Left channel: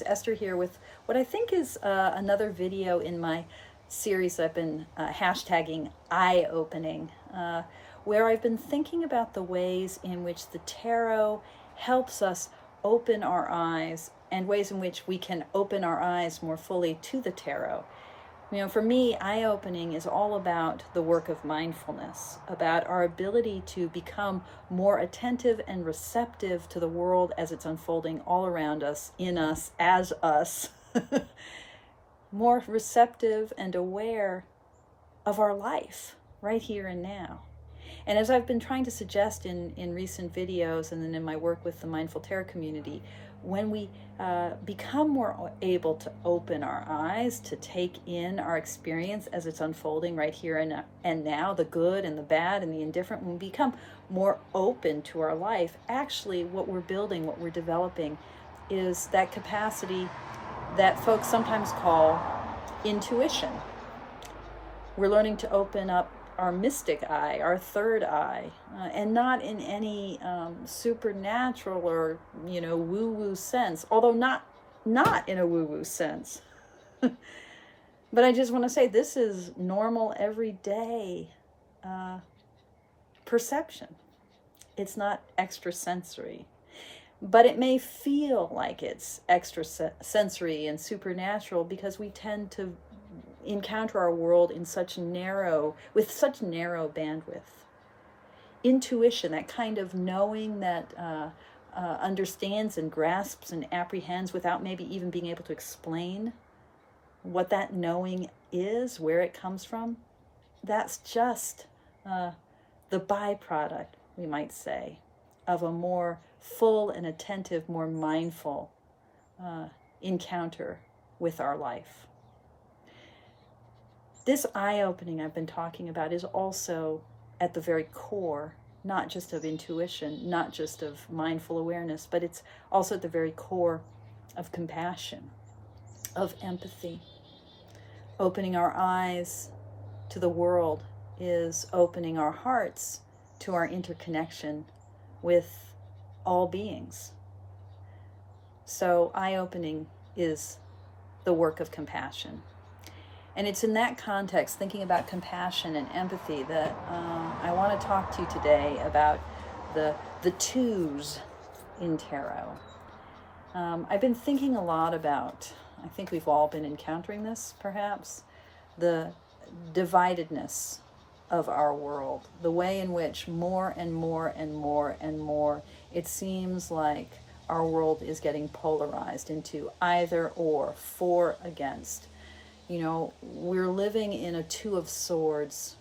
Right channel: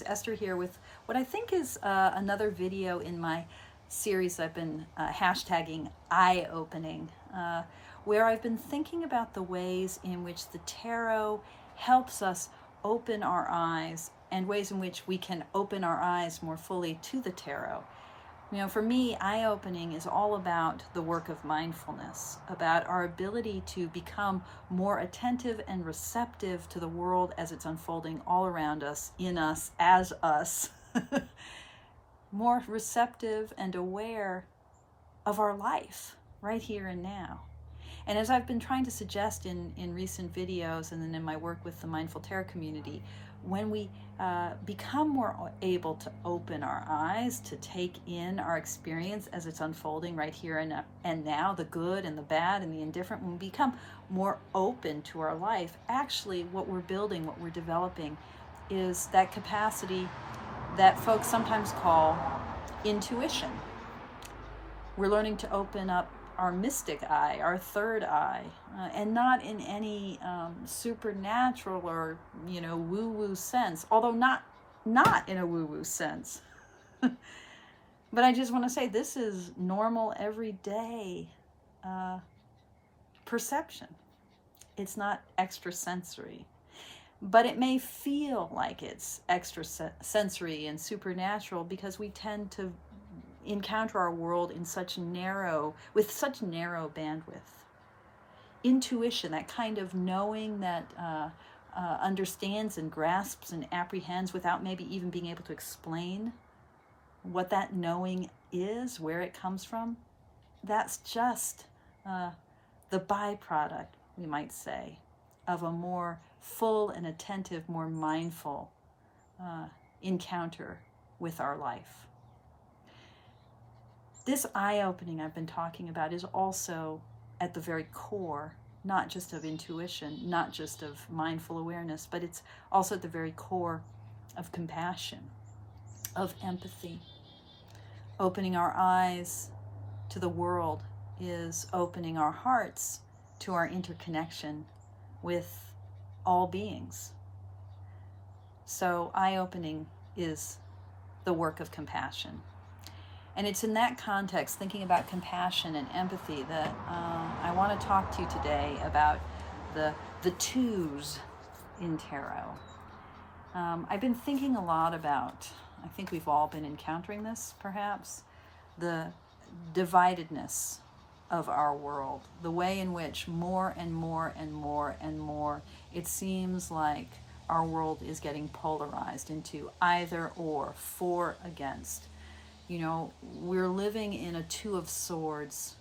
Series. Esther here with what I think is another video in my series I've been hashtagging eye-opening, where I've been thinking about the ways in which the tarot helps us open our eyes and ways in which we can open our eyes more fully to the tarot. You know, for me, eye-opening is all about the work of mindfulness, about our ability to become more attentive and receptive to the world as it's unfolding all around us, in us, as us, more receptive and aware of our life right here and now. And as I've been trying to suggest in recent videos and then in my work with the Mindful Tarot community, when we become more able to open our eyes, to take in our experience as it's unfolding right here and now, the good and the bad and the indifferent, when we become more open to our life, actually what we're building, what we're developing is that capacity that folks sometimes call intuition. We're learning to open up our mystic eye, our third eye, and not in any supernatural or, woo-woo sense, although not in a woo-woo sense. But I just want to say this is normal, everyday perception. It's not extrasensory, but it may feel like it's extrasensory and supernatural because we tend to encounter our world with such narrow bandwidth. Intuition, that kind of knowing that understands and grasps and apprehends without maybe even being able to explain what that knowing is, where it comes from, that's just the byproduct, we might say, of a more full and attentive, more mindful encounter with our life. This eye-opening I've been talking about is also at the very core, not just of intuition, not just of mindful awareness, but it's also at the very core of compassion, of empathy. Opening our eyes to the world is opening our hearts to our interconnection with all beings. So eye-opening is the work of compassion. And it's in that context, thinking about compassion and empathy, that I want to talk to you today about the twos in tarot. I've been thinking a lot about, I think we've all been encountering this perhaps, the dividedness of our world, the way in which more and more and more and more it seems like our world is getting polarized into either or, for, against. We're living in a Two of Swords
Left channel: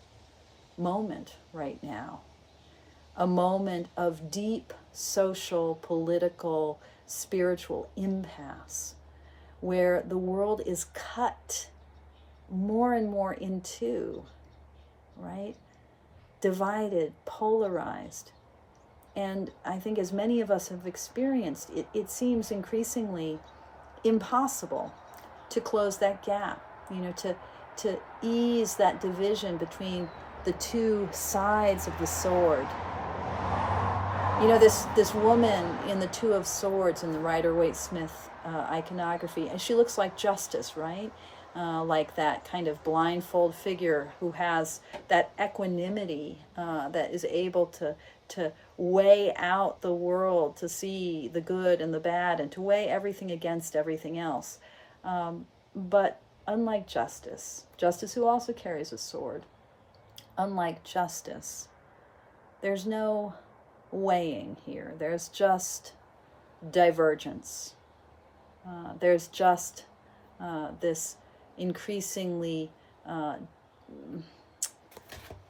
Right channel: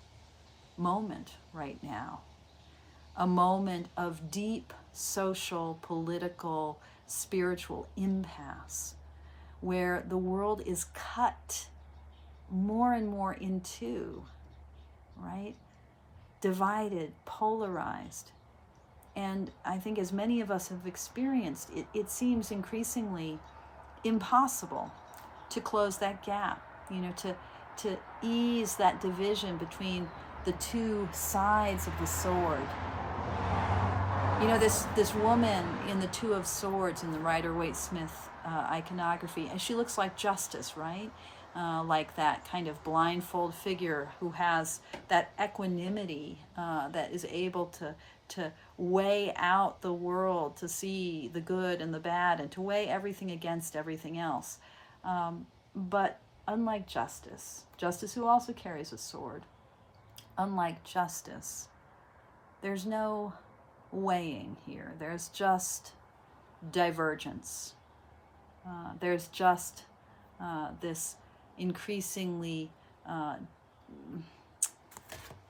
moment right now, a moment of deep social, political, spiritual impasse, where the world is cut more and more in two, right? Divided, polarized. And I think as many of us have experienced, it seems increasingly impossible to close that gap. To ease that division between the two sides of the sword. This woman in the Two of Swords in the Rider-Waite-Smith iconography, and she looks like Justice, right? Like that kind of blindfold figure who has that equanimity that is able to weigh out the world, to see the good and the bad, and to weigh everything against everything else. But unlike Justice who also carries a sword, unlike Justice, there's no weighing here. There's just divergence. There's just this increasingly,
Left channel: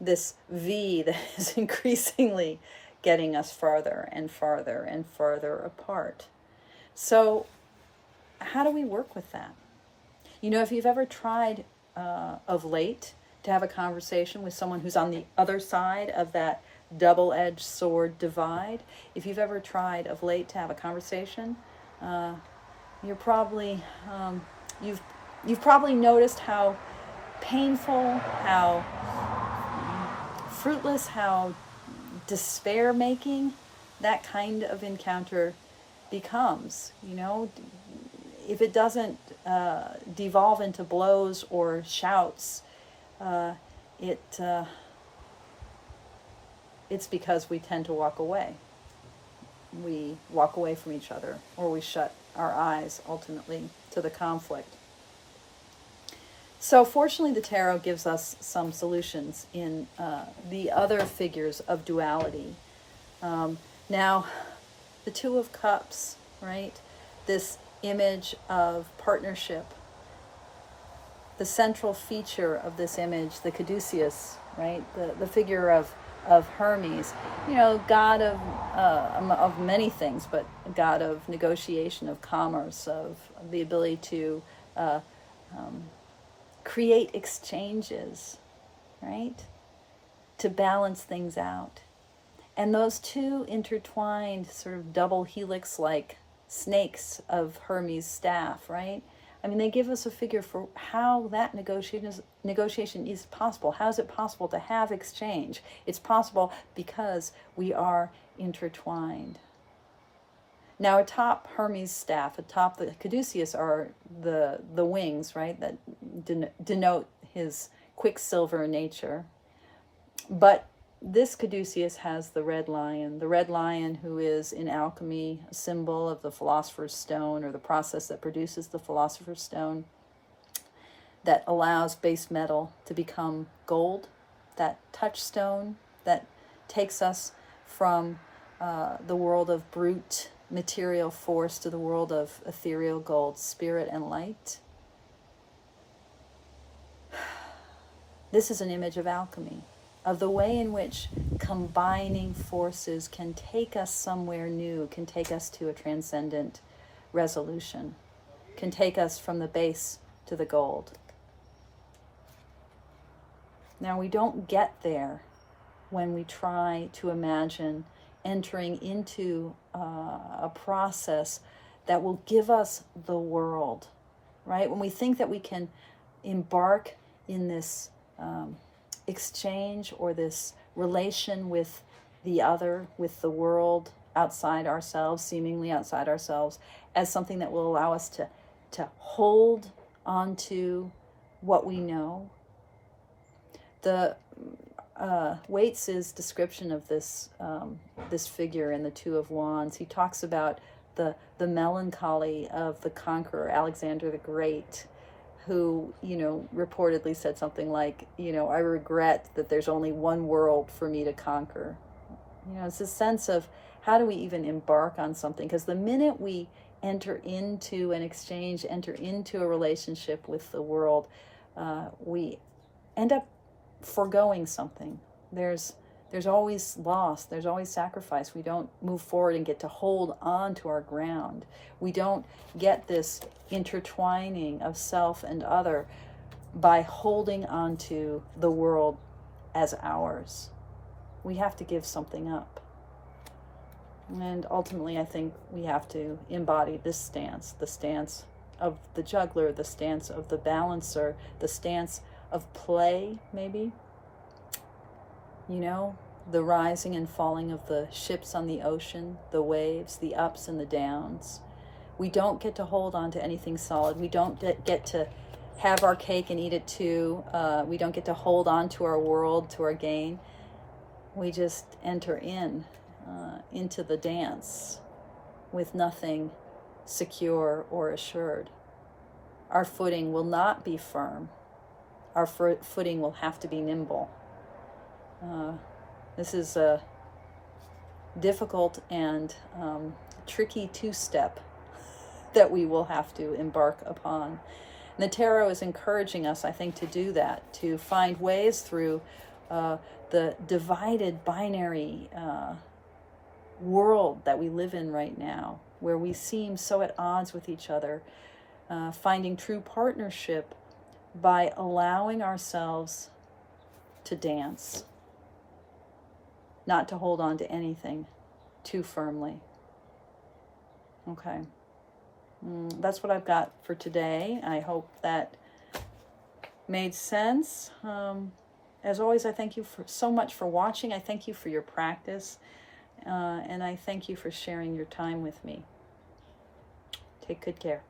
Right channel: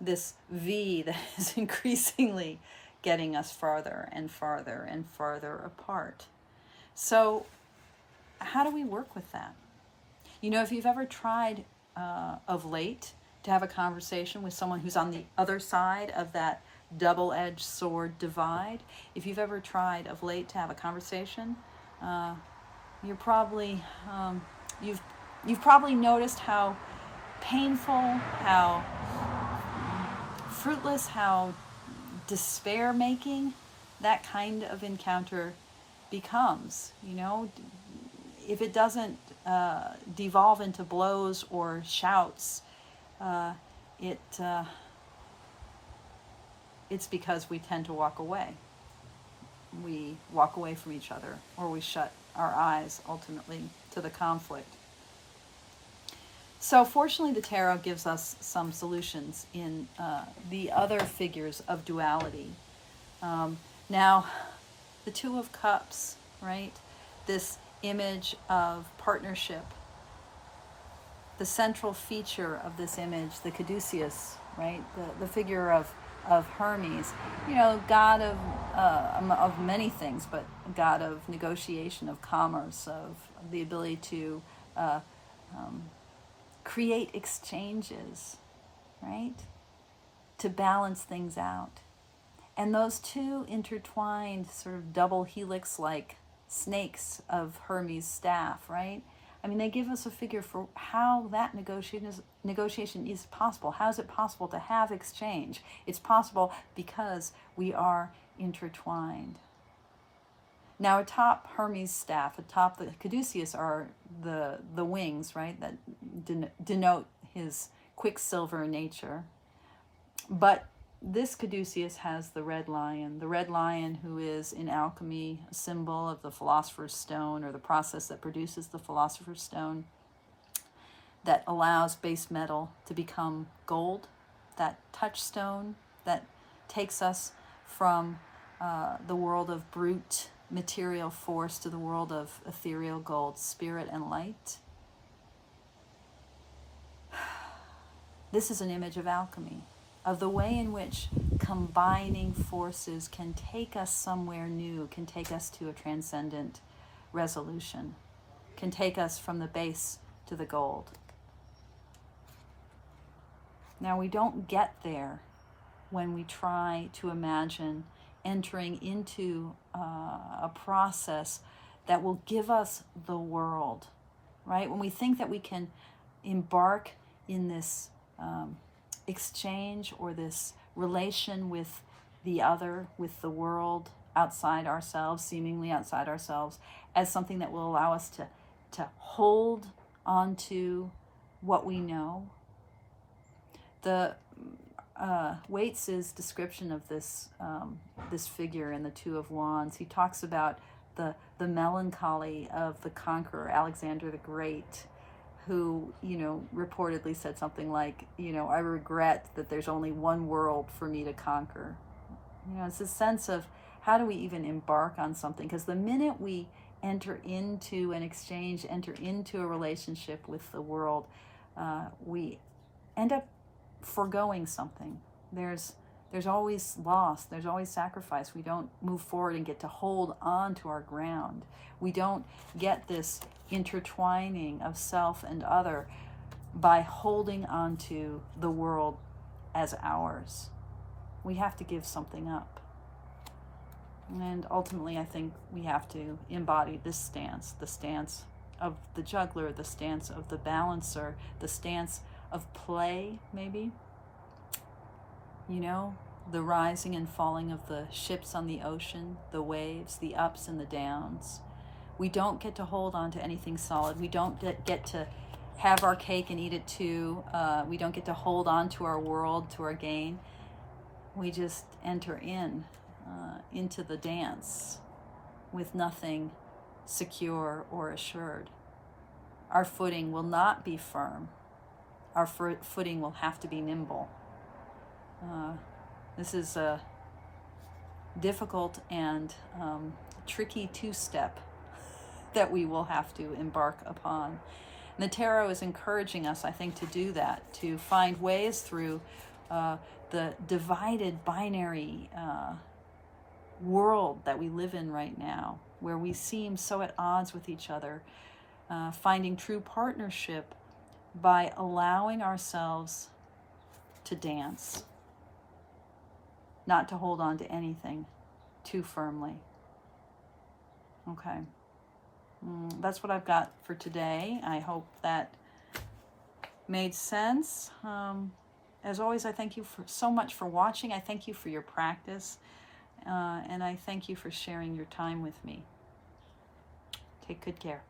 this V that is increasingly getting us farther and farther and farther apart. So how do we work with that? If you've ever tried of late to have a conversation with someone who's on the other side of that double-edged sword divide, if you've ever tried of late to have a conversation, you're probably, you've probably noticed how painful, how fruitless, how despair-making that kind of encounter becomes. if it doesn't devolve into blows or shouts, it's because we tend to walk away. We walk away from each other, or we shut our eyes ultimately to the conflict. So fortunately, the tarot gives us some solutions in the other figures of duality. Now, the Two of Cups, right? This image of partnership. The central feature of this image, the caduceus, right? The figure of Hermes, god of many things, but god of negotiation, of commerce, of the ability to create exchanges, right? To balance things out. And those two intertwined, sort of double helix-like snakes of Hermes' staff, right? I mean, they give us a figure for how that negotiation is possible. How is it possible to have exchange? It's possible because we are intertwined. Now, atop Hermes' staff, atop the caduceus, are the wings, right, that denote his quicksilver nature. But this caduceus has the red lion who is in alchemy a symbol of the philosopher's stone, or the process that produces the philosopher's stone, that allows base metal to become gold, that touchstone that takes us from the world of brute material force to the world of ethereal gold, spirit and light. This is an image of alchemy, of the way in which combining forces can take us somewhere new, can take us to a transcendent resolution, can take us from the base to the gold. Now, we don't get there when we try to imagine entering into a process that will give us the world, right? When we think that we can embark in this exchange or this relation with the other, with the world outside ourselves, seemingly outside ourselves, as something that will allow us to hold onto what we know. The Waits's description of this figure in the Two of Wands, he talks about the melancholy of the conqueror, Alexander the Great, who, reportedly said something like, I regret that there's only one world for me to conquer. It's a sense of, how do we even embark on something? Because the minute we enter into an exchange, enter into a relationship with the world, we end up foregoing something. There's always loss, there's always sacrifice. We don't move forward and get to hold on to our ground. We don't get this intertwining of self and other by holding on to the world as ours. We have to give something up. And ultimately, I think we have to embody this stance, the stance of the juggler, the stance of the balancer, the stance of play, maybe. The rising and falling of the ships on the ocean, the waves, the ups and the downs. We don't get to hold on to anything solid. We don't get to have our cake and eat it too. We don't get to hold on to our world, to our gain. We just enter into the dance with nothing secure or assured. Our footing will not be firm. Our footing will have to be nimble. This is a difficult and tricky two-step that we will have to embark upon. And the tarot is encouraging us, I think, to do that, to find ways through the divided binary world that we live in right now, where we seem so at odds with each other, finding true partnership by allowing ourselves to dance, not to hold on to anything too firmly. Okay. That's what I've got for today. I hope that made sense. As always, I thank you so much for watching. I thank you for your practice. And I thank you for sharing your time with me. Take good care.